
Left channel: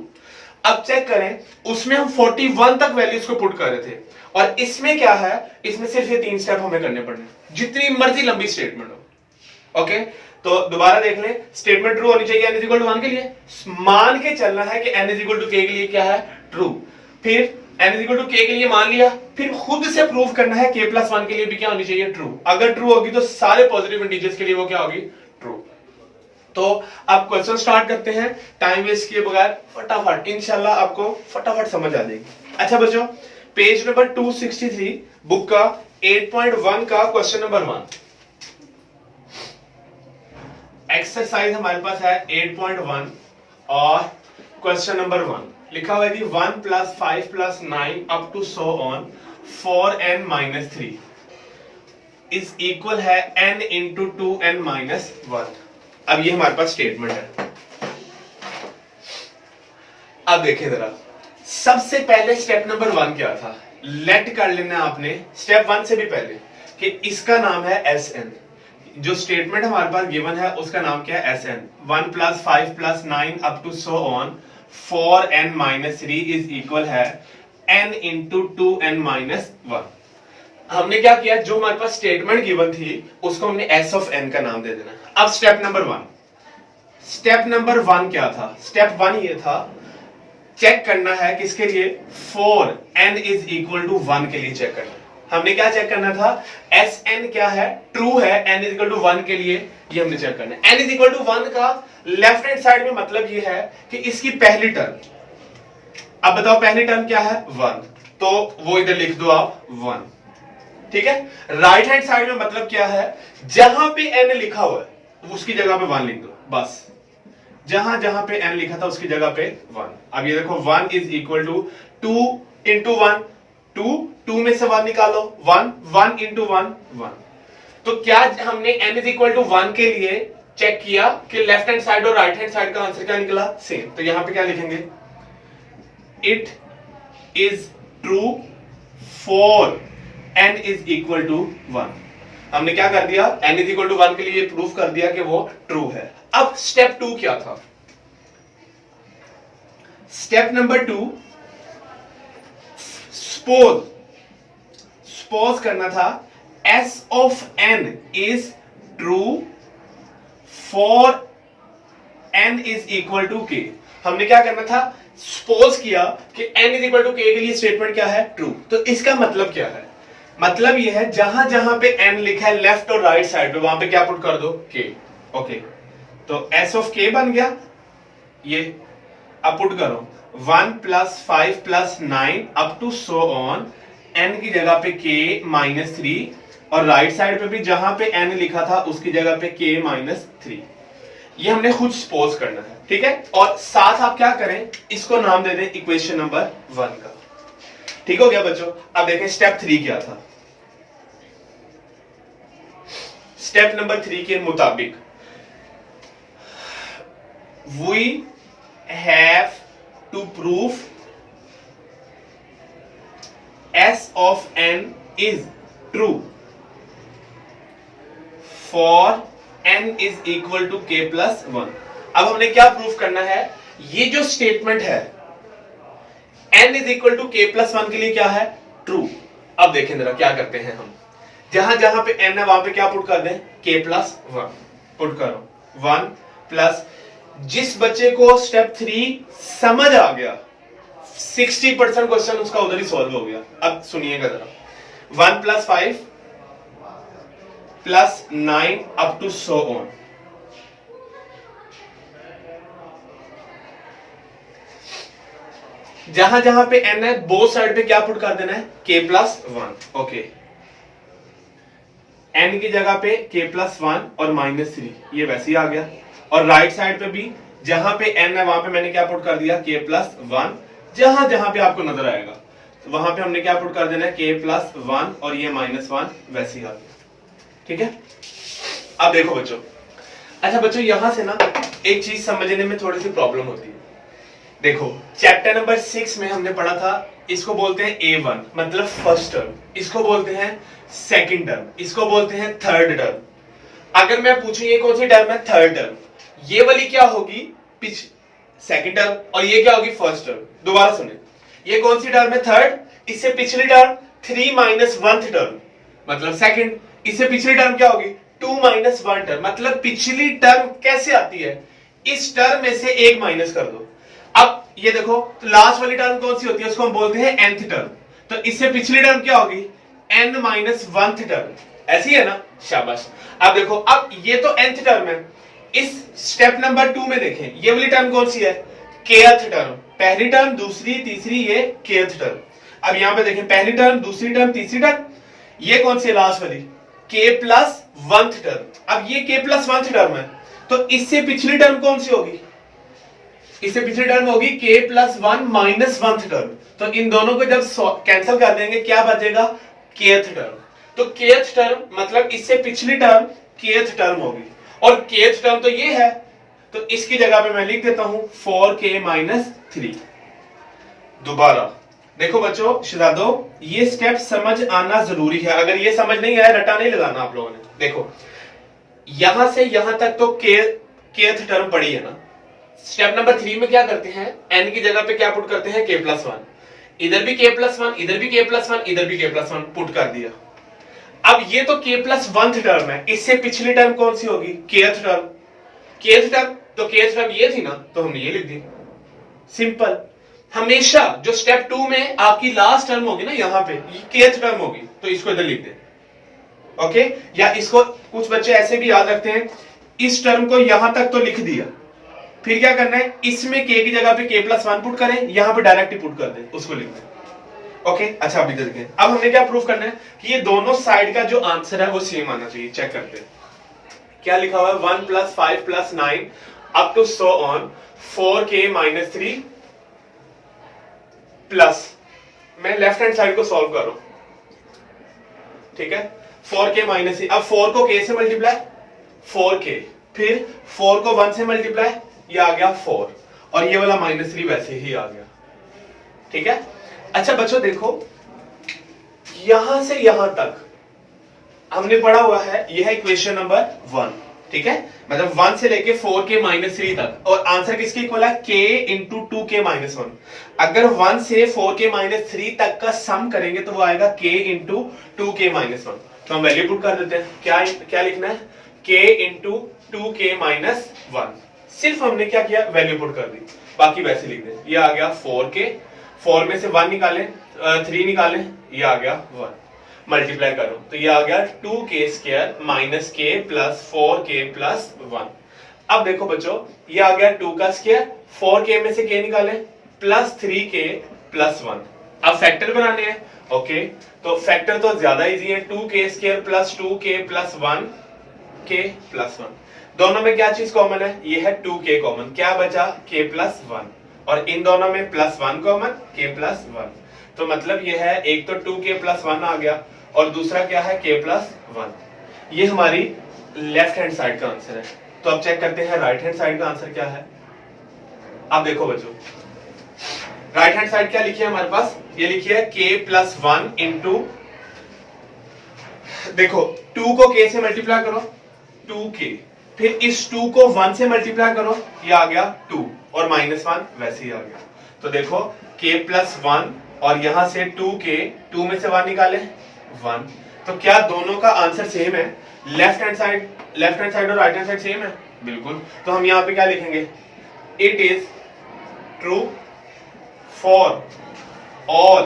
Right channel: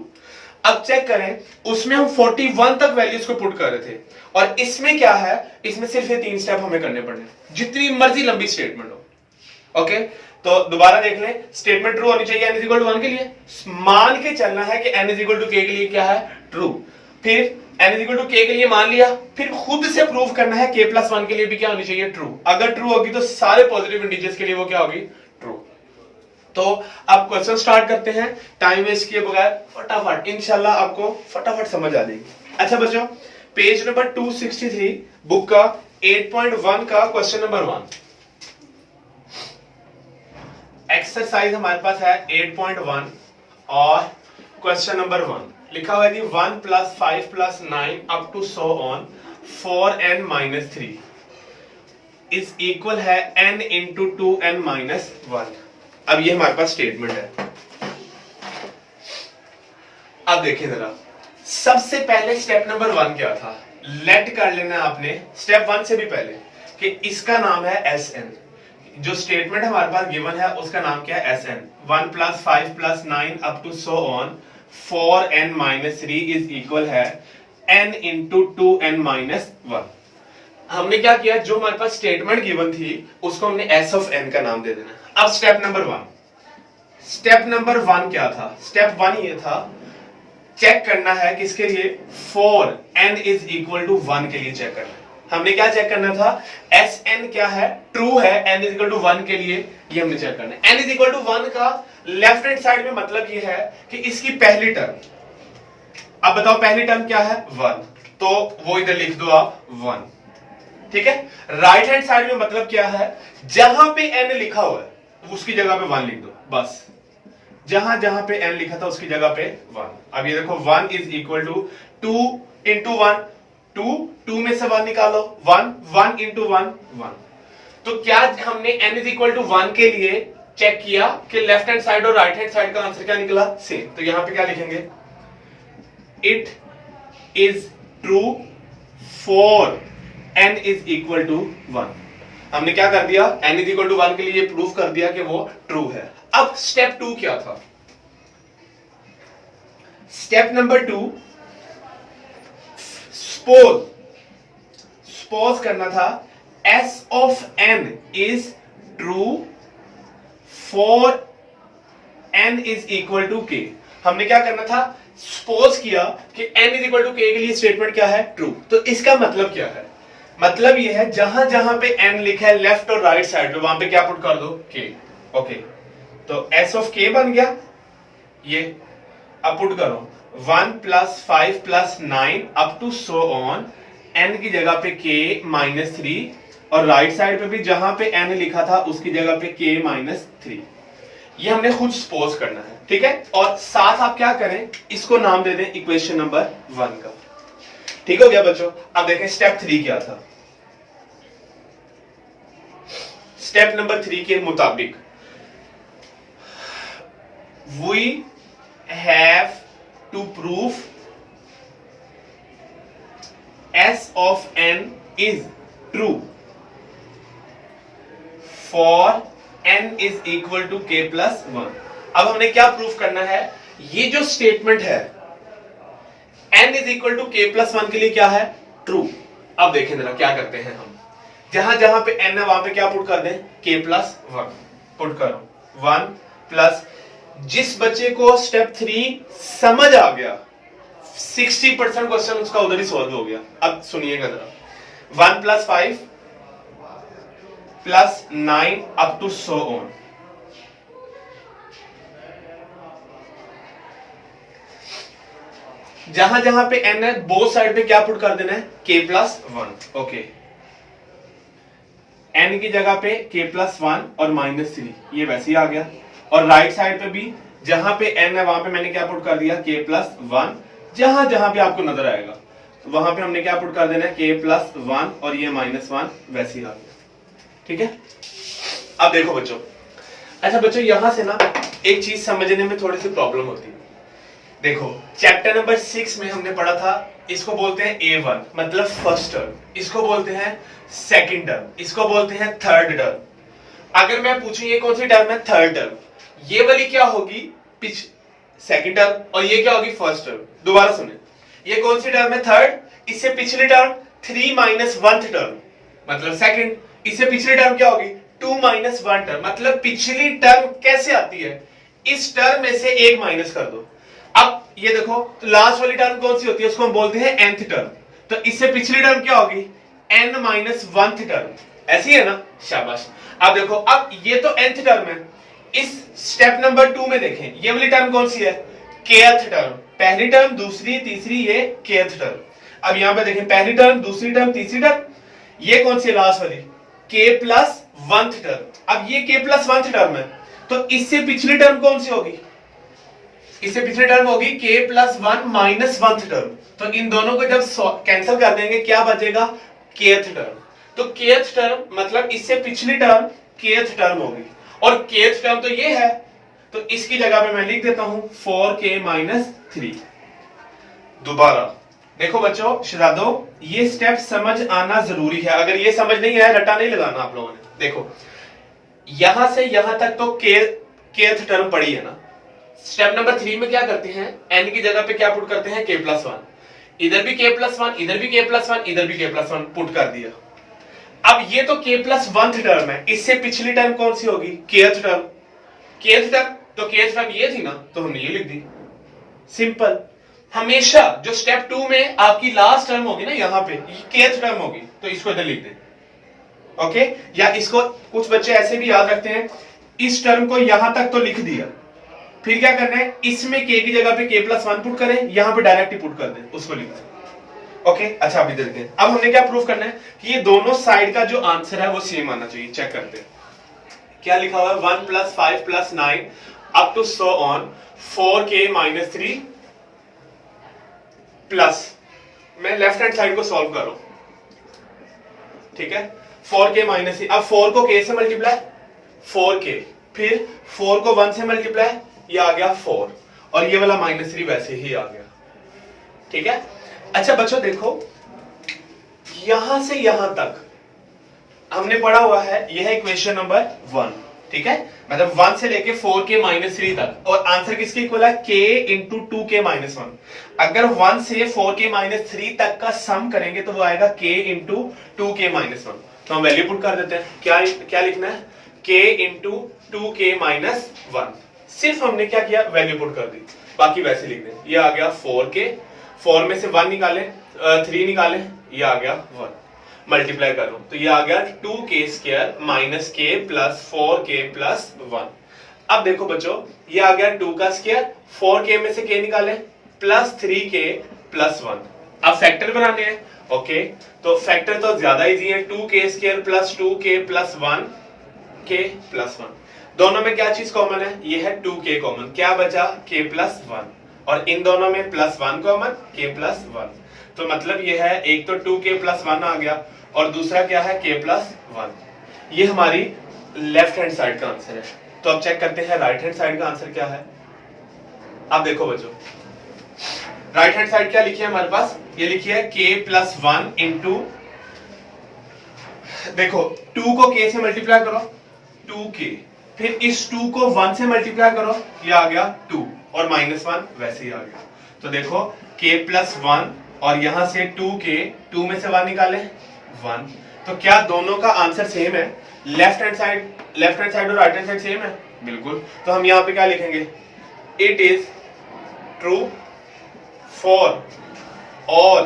अब चेक करें, उसमें हम 41 तक वैल्यूज को पुट कर रहे थे और इसमें क्या है, इसमें सिर्फ ये 3 स्टेप हमें करने पड़ने, जितनी मर्जी लंबी स्टेटमेंट हो। ओके, तो दोबारा देख लें, स्टेटमेंट ट्रू होनी चाहिए n इज इक्वल टू 1 के लिए, मान के चलना है कि n is equal to k के लिए क्या है, ट्रू। फिर n is equal to k के लिए मान लिया, फिर खुद से प्रूव करना है k प्लस 1 के लिए भी क्या होनी चाहिए, ट्रू। अगर ट्रू होगी तो सारे पॉजिटिव इंटीजर्स के लिए वो क्या होगी, ट्रू। तो अब क्वेश्चन स्टार्ट करते हैं टाइम वेस्ट किए बगैर, फटाफट, इंशाल्लाह आपको फटाफट समझ आ जाएगी। अच्छा बच्चों, पेज नंबर 263 बुक का 8.1 का क्वेश्चन नंबर 1 एक्सरसाइज हमारे पास है 8.1 और क्वेश्चन नंबर 1 लिखा हुआ है कि 1 + 5 + 9 up to so on 4n - 3 is equal है n इंटू 2n - 1। अब ये हमारे पास स्टेटमेंट है। अब देखिए जरा, सबसे पहले स्टेप नंबर 1 क्या था, लेट कर लेना आपने स्टेप 1 से भी पहले कि इसका नाम है Sn। जो स्टेटमेंट हमारे पास गिवन है उसका नाम क्या है, Sn। 1 + 5 + 9 up to so on 4n - 3 is equal है n इंटू 2n - 1। हमने क्या किया, जो हमारे पास स्टेटमेंट गिवन थी उसको हमने s ऑफ n का नाम दे देना। अब स्टेप नंबर 1 क्या था, स्टेप 1 ये था, चेक करना है किसके लिए, 4n इज इक्वल टू 1 के लिए चेक करना है। हमने क्या चेक करना था, Sn क्या है, ट्रू है, n इज इक्वल टू 1 के लिए, ये हमने चेक करना है। n इज इक्वल टू 1 का लेफ्ट हैंड साइड में मतलब ये है कि इसकी पहली टर्म, अब बताओ पहली टर्म क्या है, 1, तो वो इधर लिख दो आप 1, ठीक है। राइट हैंड साइड में मतलब क्या है, जहां पे n लिखा हुआ है उसकी जगह पे 1 लिख दो, बस जहां जहां पे n लिखा था उसकी जगह पे 1। अब ये देखो 1 इज इक्वल टू 2 इंटू 1 2 में से 1 निकालो, 1 इंटू 1 1। तो क्या हमने n इज इक्वल टू 1 के लिए चेक किया कि लेफ्ट हैंड साइड और राइट हैंड साइड का आंसर क्या निकला, सेम। तो यहां पे क्या लिखेंगे, it is true for n is equal to 1। हमने क्या कर दिया, n इज इक्वल टू 1 के लिए प्रूफ कर दिया कि वो ट्रू है। अब स्टेप 2 क्या था, स्टेप नंबर 2 सपोज करना था s of n is true for n is equal to k। हमने क्या करना था, सपोज किया कि n is equal to k के लिए स्टेटमेंट क्या है, ट्रू। तो इसका मतलब क्या है, मतलब ये है जहां जहां पे n लिखा है लेफ्ट और राइट साइड पे वहां पे क्या पुट कर दो, k। ओके, तो s ऑफ k बन गया ये। अब पुट करो 1 + 5 + 9 up to so on, n की जगह पे k - 3 और राइट साइड पे भी जहां पे n लिखा था उसकी जगह पे k - 3। ये हमने खुद सपोज करना है, ठीक है। और साथ आप क्या करें, इसको नाम दे दें इक्वेशन नंबर 1 का। ठीक हो गया बच्चों। अब देखें स्टेप 3 क्या था। स्टेप नंबर 3 के मुताबिक we have to prove s of n is true for n is equal to k plus 1। अब हमने क्या प्रूफ करना है, ये जो स्टेटमेंट है n is equal to k plus 1 के लिए क्या है, ट्रू। अब देखें जरा क्या करते हैं हम, जहां जहां पे n है वहां पे क्या पुट कर दें, k प्लस 1 पुट करो, 1 प्लस, जिस बच्चे को स्टेप 3 समझ आ गया 60% क्वेश्चन उसका उधर ही सॉल्व हो गया। अब सुनिएगा जरा, 1 plus 5 plus 9 up to so on. जहां जहां पे n है बोथ साइड पे क्या पुट कर देना है, k प्लस 1। ओके, n की जगह पे k प्लस 1 और -3, ये वैसे ही आ गया। और राइट साइड पे भी जहां पे n है वहां पे मैंने क्या पुट कर दिया, k प्लस 1। जहां जहां पे आपको नजर आएगा वहां पे हमने क्या पुट कर देना है, k प्लस 1 और ये -1 वैसे ही आ गया। ठीक है, अब देखो बच्चों, अच्छा बच्चों यहां से ना एक चीज समझने में थोड़ी सी प्रॉब्लम होती है। देखो चैप्टर नंबर 6 में हमने पढ़ा था, इसको बोलते हैं A1 मतलब फर्स्ट टर्म, इसको बोलते हैं सेकंड टर्म, इसको बोलते हैं थर्ड टर्म। अगर मैं पूछूं ये कौन सी टर्म है, थर्ड टर्म, ये वाली क्या होगी, सेकंड टर्म, और ये क्या होगी, फर्स्ट टर्म। दोबारा सुने, ये कौन सी टर्म है, थर्ड, इससे पिछली टर्म 3 माइनस 1th टर्म मतलब सेकंड, इससे पिछली टर्म क्या होगी, 2 माइनस 1 टर्म मतलब पिछली टर्म कैसे आती है, इस टर्म में से एक माइनस कर दो। अब ये देखो, तो लास्ट वाली टर्म कौन सी होती है, उसको हम बोलते हैं nth टर्म, तो इससे पिछली टर्म क्या होगी, n माइनस 1th टर्म, ऐसी है ना, शाबाश। अब देखो, अब ये तो nth टर्म है, इस स्टेप नंबर 2 में देखें, ये वाली टर्म कौन सी है, kth टर्म, पहली टर्म दूसरी तीसरी, ये kth टर्म। अब यहां पे देखें, पहली टर्म दूसरी टर्म तीसरी टर्म, ये कौन सी है लास्ट वाली, k प्लस 1th टर्म। अब ये k प्लस 1th टर्म है, तो इससे पिछली टर्म कौन सी होगी, इससे पिछली टर्म होगी k plus 1 minus 1th term. तो इन दोनों को जब कैंसिल कर देंगे क्या बचेगा, kth टर्म। तो kth टर्म मतलब इससे पिछली टर्म kth टर्म होगी, और kth टर्म तो ये है, तो इसकी जगह पे मैं लिख देता हूं 4k माइनस 3। दोबारा देखो बच्चों, शहजादों, ये स्टेप समझ आना जरूरी है, अगर ये समझ नहीं आया रटा नहीं लगाना आप लोगों ने। देखो यहां से यहां तक तो kth टर्म पड़ी है ना। स्टेप नंबर 3 में क्या करते हैं, n की जगह पे क्या पुट करते हैं, k प्लस 1, इधर भी k प्लस 1, इधर भी k प्लस 1, इधर भी k प्लस 1 पुट कर दिया। अब ये तो k प्लस 1th टर्म है, इससे पिछली टर्म कौन सी होगी, kth टर्म, kth टर्म, तो kth टर्म ये थी ना, तो हमने ये लिख दी। सिंपल, हमेशा जो स्टेप 2 में आपकी लास्ट टर्म होगी ना, यहां पे kth टर्म होगी, तो इसको इधर लिख दे। ओके, या इसको कुछ बच्चे ऐसे भी याद रखते हैं, इस टर्म को यहां तक तो लिख दिया, फिर क्या करना है, इसमें k की जगह पे k प्लस 1 पुट करें, यहां पे डायरेक्ट ही पुट कर दें, उसको लिख दें। ओके, अच्छा अभी देखते हैं, अब हमने क्या प्रूफ करना है कि ये दोनों साइड का जो आंसर है वो सेम आना चाहिए। चेक करते हैं, क्या लिखा हुआ है, 1 plus 5 plus 9 up to so on 4k minus 3 plus, मैं लेफ्ट हैंड साइड को सॉल्व कर रहा हूं, ठीक है, 4k माइनस 3, अब 4 को k से मल्टीप्लाई 4k, फिर 4 को 1 से मल्टीप्लाई, ये आ गया 4, और ये वाला -3 वैसे ही आ गया। ठीक है, अच्छा बच्चों देखो, यहां से यहां तक हमने पढ़ा हुआ है, यह है इक्वेशन नंबर 1, ठीक है, मतलब 1 से लेके 4k माइनस 3 तक, और आंसर किसके इक्वल है, k इंटू 2k माइनस 1। अगर 1 से 4k माइनस 3 तक का सम करेंगे तो वो आएगा k इंटू 2k माइनस 1। तो हम वैल्यू पुट कर देते हैं, क्या लिखना है, k इंटू 2k माइनस 1। सिर्फ हमने क्या किया, वैल्यू पुट कर दी, बाकी वैसे लिख दें। ये आ गया 4k, 4 में से 1 निकाले, 3 निकाले, ये आ गया 1, मल्टीप्लाई करो तो ये आ गया 2k square minus k plus 4k plus 1। अब देखो बच्चों, ये आ गया 2 का स्क्वायर, 4k में से k निकाले, प्लस 3k प्लस 1। अब फैक्टर बनाने हैं, ओके, तो फैक्टर तो ज्यादा इजी है, 2k square plus 2k plus 1k plus 1। दोनों में क्या चीज कॉमन है, ये है 2k कॉमन, क्या बचा, k प्लस 1, और इन दोनों में प्लस 1 कॉमन, k प्लस 1। तो मतलब ये है, एक तो 2k प्लस 1 आ गया, और दूसरा क्या है, k प्लस 1। ये हमारी लेफ्ट हैंड साइड का आंसर है। तो अब चेक करते हैं राइट हैंड साइड का आंसर क्या है। अब देखो बच्चों, राइट हैंड साइड क्या लिखी है हमारे पास, ये लिखी है k प्लस 1 इंटू, देखो 2 को k से मल्टीप्लाई करो 2k, फिर इस 2 को 1 से मल्टीप्लाई करो, ये आ गया 2, और -1 वैसे ही आ गया। तो देखो k प्लस 1, और यहां से 2k, 2 में से 1 निकाले 1, तो क्या दोनों का आंसर सेम है? लेफ्ट हैंड साइड और राइट हैंड साइड सेम है? बिल्कुल। तो हम यहां पे क्या लिखेंगे? It is true for all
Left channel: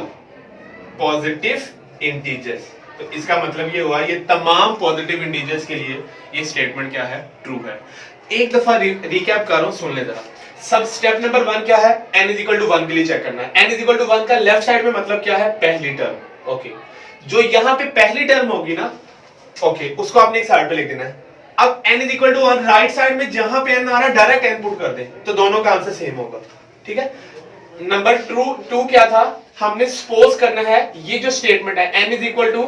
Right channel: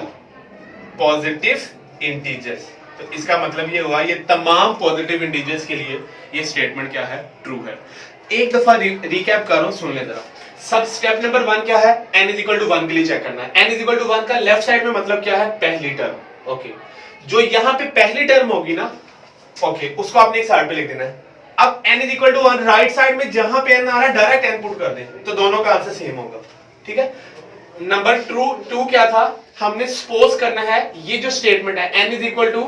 positive integers. तो इसका मतलब ये हुआ ये तमाम पॉजिटिव इंटीजर्स के लिए ये स्टेटमेंट क्या है? ट्रू है। एक दफा रिकैप कर रहा हूं, सुन ले जरा। सब स्टेप नंबर 1 क्या है? n इज इक्वल टू 1 के लिए चेक करना है। n इज इक्वल टू 1 का लेफ्ट साइड में मतलब क्या है? पहली टर्म। ओके, जो यहां पे पहली टर्म होगी ना, ओके, उसको आपने एक साइड पे लिख देना है। अब n is equal to 1 right side में जहां पे n आ रहा है डायरेक्ट n पुट कर दें, तो दोनों का आंसर सेम होगा। ठीक है। नंबर टू क्या था? हमने सपोज करना है ये जो स्टेटमेंट है n is equal to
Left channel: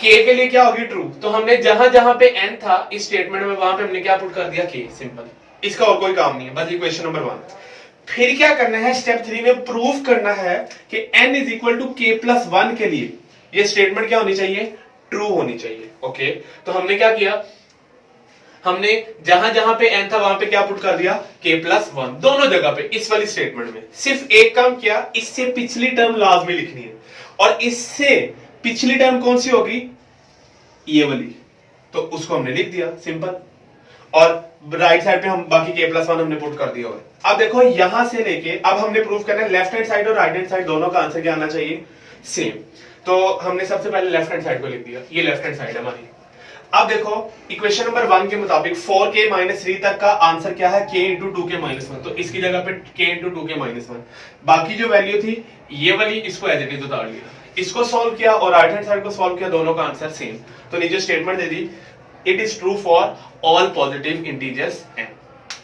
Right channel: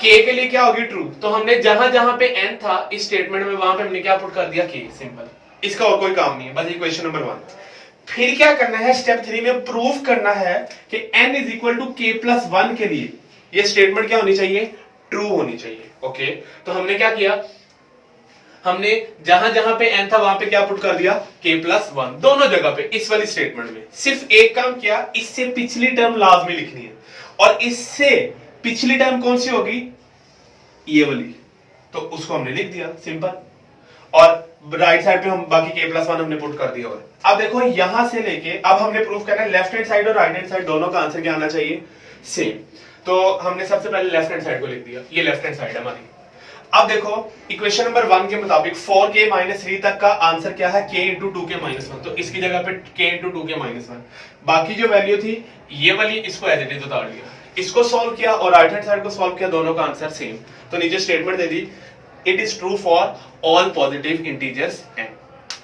k के लिए क्या होगी? ट्रू। तो हमने जहां जहां पे n था इस स्टेटमेंट में, वहां पे हमने क्या पुट कर दिया? k। सिंपल, इसका और कोई काम नहीं है, बस इक्वेशन नंबर 1। फिर क्या करना है? स्टेप 3 में प्रूफ करना है कि n is equal to k plus 1 के लिए ये स्टेटमेंट क्या होनी चाहिए? ट्रू होनी चाहिए। ओके, तो हमने क्या किया? हमने जहां जहां पे n था वहां पे क्या पुट कर दिया? k प्लस 1 दोनों जगह पे। इस वाली स्टेटमेंट में सिर्फ एक काम किया, इससे पिछली टर्म लाजमी लिखनी है, और इससे पिछली टर्म कौन सी होगी? ये वाली, तो उसको हमने लिख दिया, सिंपल। और राइट साइड पे हम बाकी k प्लस 1 हमने पुट कर दिया। और अब देखो यहां से लेके अब हमने प्रूफ करना है लेफ्ट हैंड साइड और राइट हैंड साइड दोनों का आंसर क्या आना चाहिए? सेम। तो हमने सबसे पहले लेफ्ट हैंड साइड को लिख दिया, ये लेफ्ट हैंड साइड है हमारी। अब देखो इक्वेशन नंबर 1 के मुताबिक 4k माइनस 3 तक का आंसर क्या है? k into 2k minus 1। तो इसकी जगह पे k इंटू 2k माइनस 1, बाकी जो वैल्यू थी ये वाली, इसको एज इट इज उतार दिया, इसको सॉल्व किया और राइट हैंड साइड को सॉल्व किया, दोनों का आंसर सेम। तो नीचे statement they the, it is true for all positive integers n।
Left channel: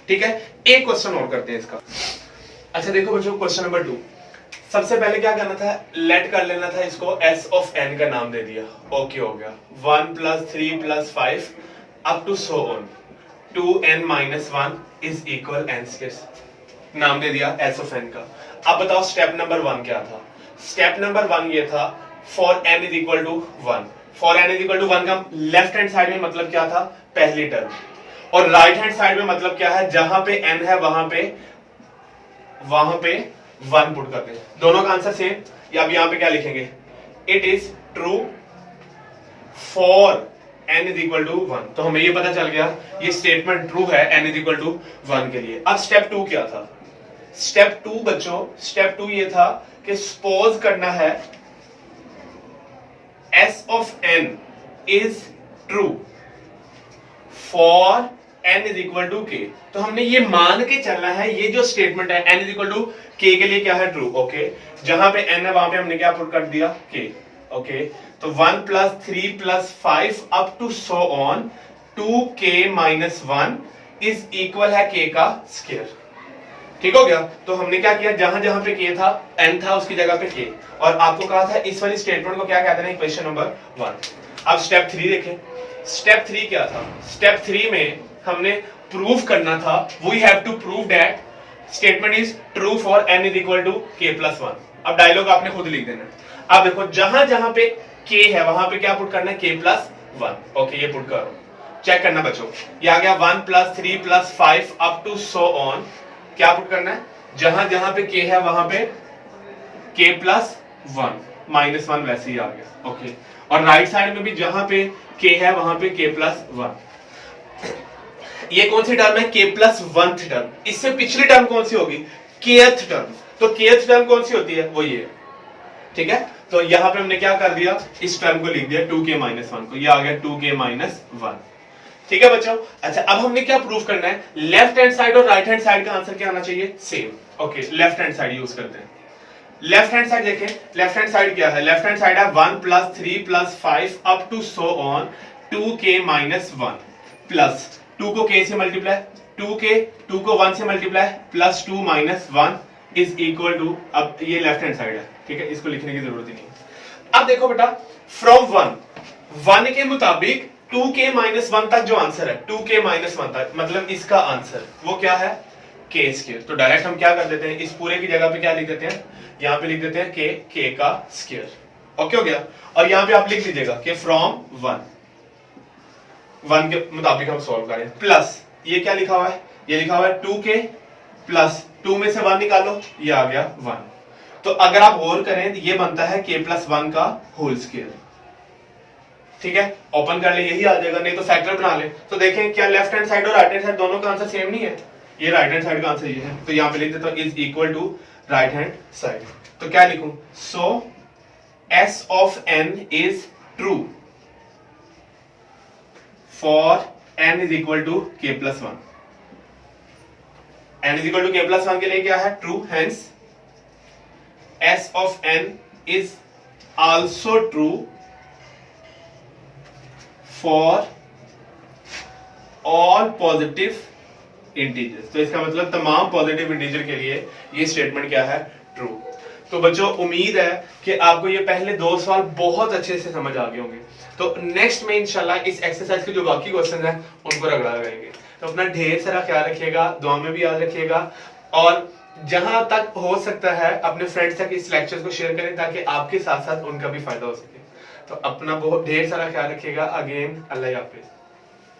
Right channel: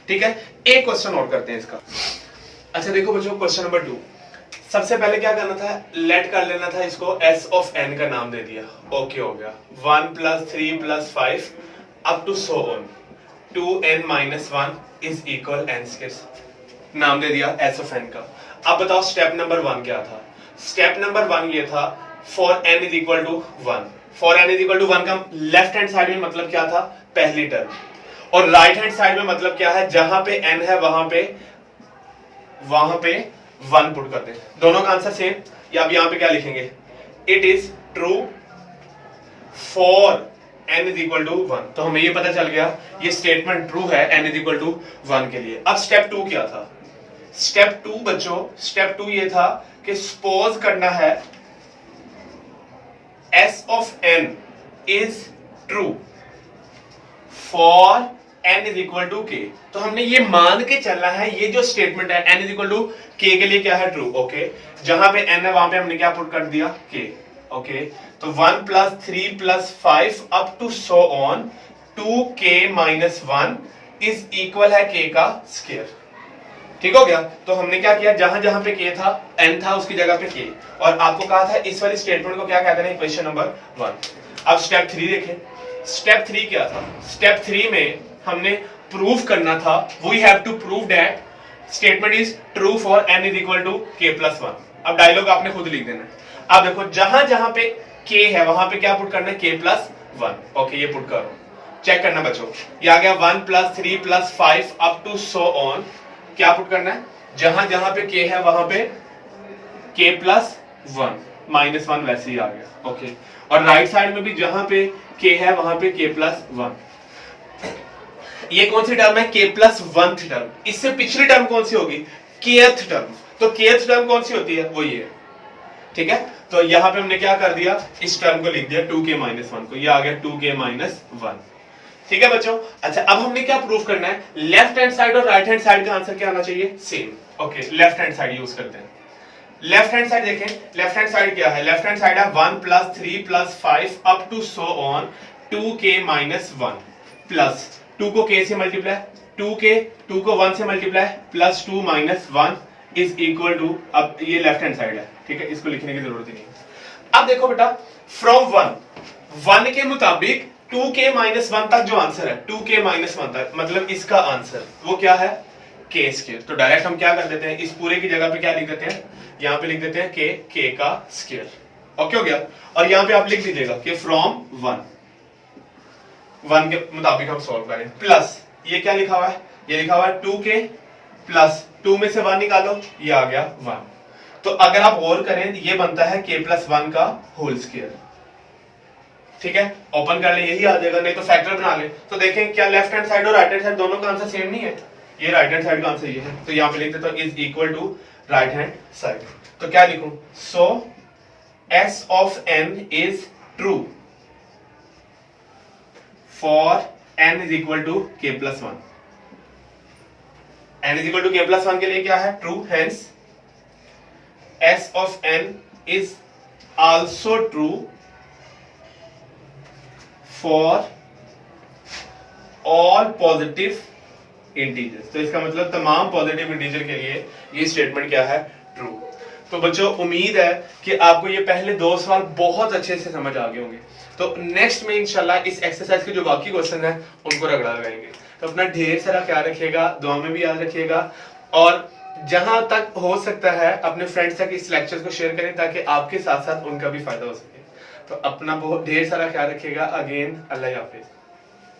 ठीक है, एक क्वेश्चन और करते हैं इसका। अच्छा देखो बच्चों, क्वेश्चन नंबर 2। सबसे पहले क्या करना था? लेट कर लेना था इसको, s ऑफ n का नाम दे दिया। ओके हो गया, 1 plus 3 plus 5 up to so on 2n minus 1 is equal n square. नाम दे दिया s ऑफ n का। अब बताओ स्टेप नंबर 1 क्या था? स्टेप नंबर 1 ये था for n is equal to 1। For n is equal to 1 का लेफ्ट हैंड साइड में मतलब क्या था? पहली टर्म। और राइट हैंड साइड में मतलब क्या है? जहां पे n है वहां पे 1 पुट करते हैं, दोनों का आंसर सेम। या अब यहां पे क्या लिखेंगे? It is true for n is equal to 1। तो हमें ये पता चल गया ये स्टेटमेंट ट्रू है n इज इक्वल टू 1 के लिए। अब स्टेप 2 क्या था? स्टेप 2 बच्चों, स्टेप 2 ये था कि सपोज करना है s of n is true for n is equal to k। तो हमने ये मान के चलना है ये जो स्टेटमेंट है n is equal to k के लिए क्या है? ट्रू। ओके, जहां पे n है वहां पे हमने क्या पुट कर दिया? k। ओके, तो 1 plus 3 plus 5 up to so on 2k minus 1 is equal है k का स्क्वायर। ठीक हो गया। तो हमने क्या किया? जहां जहां पे k था, n था, उसकी जगह पे k, और आपको कहा था इस वाली स्टेटमेंट को क्या कहते हैं? Equation number 1। अब स्टेप 3 देखें। स्टेप 3 क्या था? स्टेप 3 में हमने प्रूफ करना था, we have to prove that statement is true for n is equal to k plus 1। अब डायलॉग आपने खुद लिख देना है। अब देखो जहां जहां पे k है वहां पे क्या पुट करना है? k plus 1। ओके, ये पुट करो, चेक करना बच्चों। ये आ गया 1 plus 3 plus 5 up to so on, क्या पुट करना है? जहां जहां पे k है वहां पे k प्लस 1 माइनस 1 वैसे ही आ गया। ओके, और राइट साइड में भी जहां पे k है वहां पे k प्लस 1। ये कौन सी टर्म है? k plus 1th term. इससे पिछली टर्म कौन सी होगी? kth term. तो kth टर्म कौन सी होती है? वो ये है। ठीक है, तो यहां पे हमने क्या कर दिया? इस टर्म को लिख दिया 2k माइनस 1 को, ये आ गया 2k माइनस 1। ठीक है बच्चों। अच्छा, अब हमने क्या प्रूफ करना है? लेफ्ट हैंड साइड और राइट हैंड साइड का आंसर क्या आना चाहिए? Same. Okay, left hand side use करते हैं। लेफ्ट हैंड साइड देखें, लेफ्ट हैंड साइड क्या है? लेफ्ट हैंड साइड है 1 plus 3 plus 5 up to so on 2k minus 1 plus 2 को k से मल्टीप्लाई, 2 को 1 से multiply plus 2 minus 1 is equal to, अब ये लेफ्ट हैंड साइड है। ठीक है, इसको लिखने की जरूरत ही नहीं। अब देखो बेटा, फ्रॉम 1 के मुताबिक 2k माइनस 1 तक जो आंसर है, 2k माइनस 1 तक, मतलब इसका आंसर वो क्या है? k square. तो डायरेक्ट हम क्या कर देते हैं? इस पूरे की जगह पे क्या लिख देते हैं? यहां पे लिख देते हैं k का स्क्वायर। ओके हो गया। और यहां पे आप लिख दीजिएगा कि फ्रॉम 1 के मुताबिक हम सॉल्व करें, प्लस ये क्या लिखा हुआ है? ये लिखा हुआ है 2k प्लस 2 में से 1 निकालो, ये आ गया 1। तो अगर आप गौर करें तो ये बनता है k प्लस 1 का होल स्क्वायर। ठीक है, ओपन कर ले, यही आ जाएगा, नहीं तो फैक्टर बना ले। तो देखें क्या लेफ्ट हैंड साइड और राइट हैंड साइड दोनों का आंसर सेम नहीं है, ये राइट हैंड साइड का आंसर ये है, तो यहाँ पे लिख देता हूँ is equal to right hand side. तो क्या लिखूं, so S of N is true for N is equal to K plus one. N is equal to K plus one के लिए क्या है, true, hence S of N is also true for all positive integers. तो इसका मतलब तमाम positive integer के लिए ये स्टेटमेंट क्या है, ट्रू। तो बच्चों उम्मीद है कि आपको ये पहले 2 सवाल बहुत अच्छे से समझ आ गए होंगे। तो नेक्स्ट में इंशाल्लाह इस एक्सरसाइज के जो बाकी क्वेश्चन है उनको रगड़ा लगाएंगे। तो अपना ढेर सारा ख्याल रखिएगा, दुआ में भी याद रखिएगा, और जहां तक हो सकता है अपने फ्रेंड्स तक इस लेक्चर को शेयर करें ताकि आपके साथ साथ उनका भी फायदा हो सके। तो अपना बहुत ढेर सारा ख्याल रखिएगा। अगेन अल्लाह हाफिज।